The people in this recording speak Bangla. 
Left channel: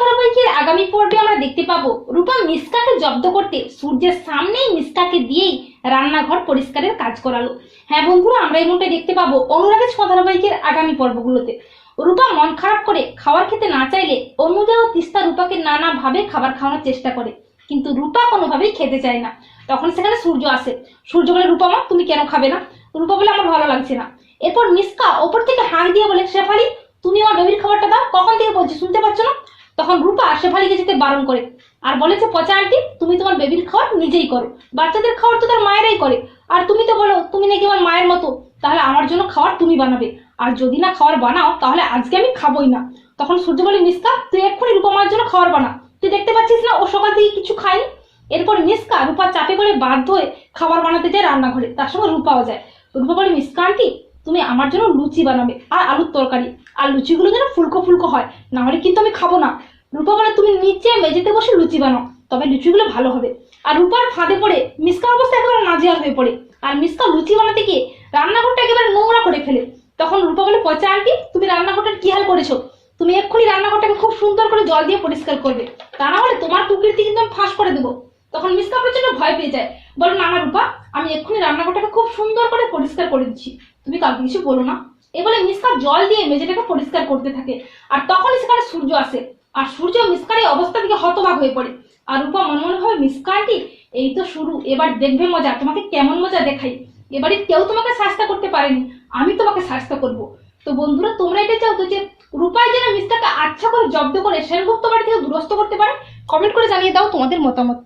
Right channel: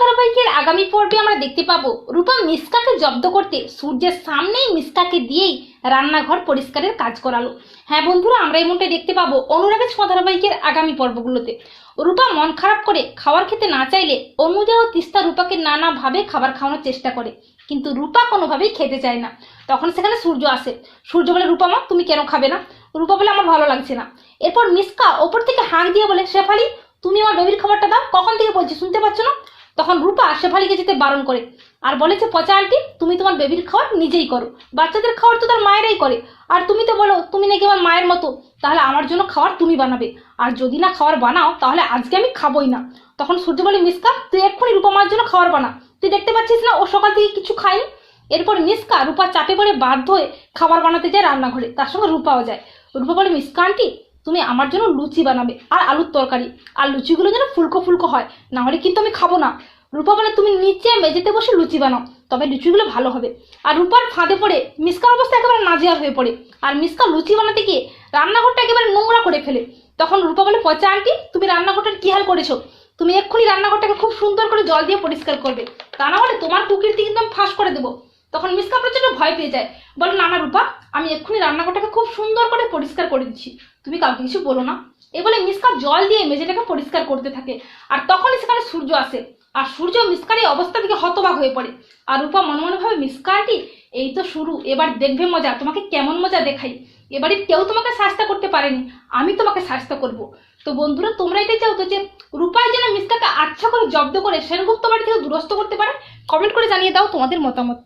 ধারাবাহিকের আগামী পর্বে আমরা দেখতে পাবো রূপা মিসকাকে জব্দ করতে সূর্যের সামনেই মিসকাকে দিয়েই রান্নাঘর পরিষ্কারের কাজ করালো। হ্যাঁ বন্ধুরা, আমরা এমনটাই দেখতে পাবো অনুরাগের ছোঁয়া ধারাবাহিকের আগামী পর্বগুলোতে। রূপা মন খারাপ করে খাবার খেতে না চাইলে অনুজা ও তিস্তা রূপাকে নানাভাবে খাবার খাওয়ানোর চেষ্টা করে, কিন্তু রূপা কোনোভাবেই খেতে চায় না। তখন সেখানে সূর্য আসে। সূর্য বলে, রূপা মা, তুমি কেন খাবে না? রূপা বলে, আমার ভালো লাগছে না। এরপর মিসকা ওপর থেকে হাঁক দিয়ে বলে, শেফালি, তুমি আমার বেবির খাবারটা দাও। কখন থেকে বলছি, শুনতে পাচ্ছ না? তখন রূপা শেফালিকে যেতে বারণ করে। আর বলে যে পচা আন্টি তুমি তোমার বেবির খাওয়ার নিজেই করো। বাচ্চাদের খাবার তো তার মায়েরাই করে। আর তুমি তো বলো, তুমি নাকি আমার মায়ের মতো। তাহলে আমার জন্য খাবার তুমি বানাবে। আর যদি না খাবার বানাও, তাহলে আজকে আমি খাবোই না। তখন সূর্য বলে মিসকা তুই এক্ষুনি রূপা মার জন্য খাবার বানা। তুই দেখতে পাচ্ছিস না, ও সকাল থেকে কিছু খায়নি? এরপর মিসকা রূপা চাপে বলে বাধ্য হয়ে খাবার বানাতে যায় রান্নাঘরে। তার সঙ্গে রূপাও যায়। রূপা বলে মিসকা আন্টি তুমি আমার জন্য লুচি বানাবে আর আলুর তরকারি। আর লুচিগুলো যেন ফুলকো ফুলকো হয়, না হলে কিন্তু আমি খাব না। রূপা বলে, তুমি নিচে মেঝেতে বসে লুচি বানাও, তবে লুচিগুলো ভালো হবে। আর রূপার ফাঁদে পড়ে মিসকার অবস্থা একেবারে নাজেহাল হয়ে পড়ে। আর মিসকা লুচি বানাতে গিয়ে রান্নাঘরটা একেবারে নোংরা করে ফেলে। তখন রূপা বলে, পচা আন্টি তুমি রান্নাঘরটার কি হাল করেছ? তুমি এক্ষুনি রান্নাঘরটাকে খুব সুন্দর করে জল দিয়ে পরিষ্কার করবে। তা না হলে তোমার কুকিরটি কিন্তু আমি ফাঁস করে দেবো। তখন মিসকা প্রচণ্ড ভয় পেয়ে যায়। বলে, না না রূপা আমি এক্ষুনি রান্নাঘরটাকে খুব সুন্দর করে পরিষ্কার করে দিচ্ছি। তুমি কাউকে কিছু বলো না। এ বলে মিসকা জল দিয়ে মেঝেটাকে পরিষ্কার করতে থাকে। আর তখনই সেখানে সূর্য আসে। আর সূর্য মিসকার এই অবস্থা থেকে হতবাক হয়ে পড়ে। আর রূপা মনে মনে ভাবে মিসকাটি এই তো শুরু। এবার দেখবে মজা। তোমাকে কেমন মজা দেখাই। এবারে কেউ তোমাকে শাস্তা করতে পারেনি। আমি তোমাকে শাস্তা করব। তো বন্ধুরা, তোমরা এটা চাও তো যে রূপায় যেন মিসকাকে আচ্ছা করে জব্দ করে সেনগুপ্ত বাড়ি থেকে দূরস্থ করতে পারে? কমেন্ট করে জানিয়ে দাও তোমাদের মতামত।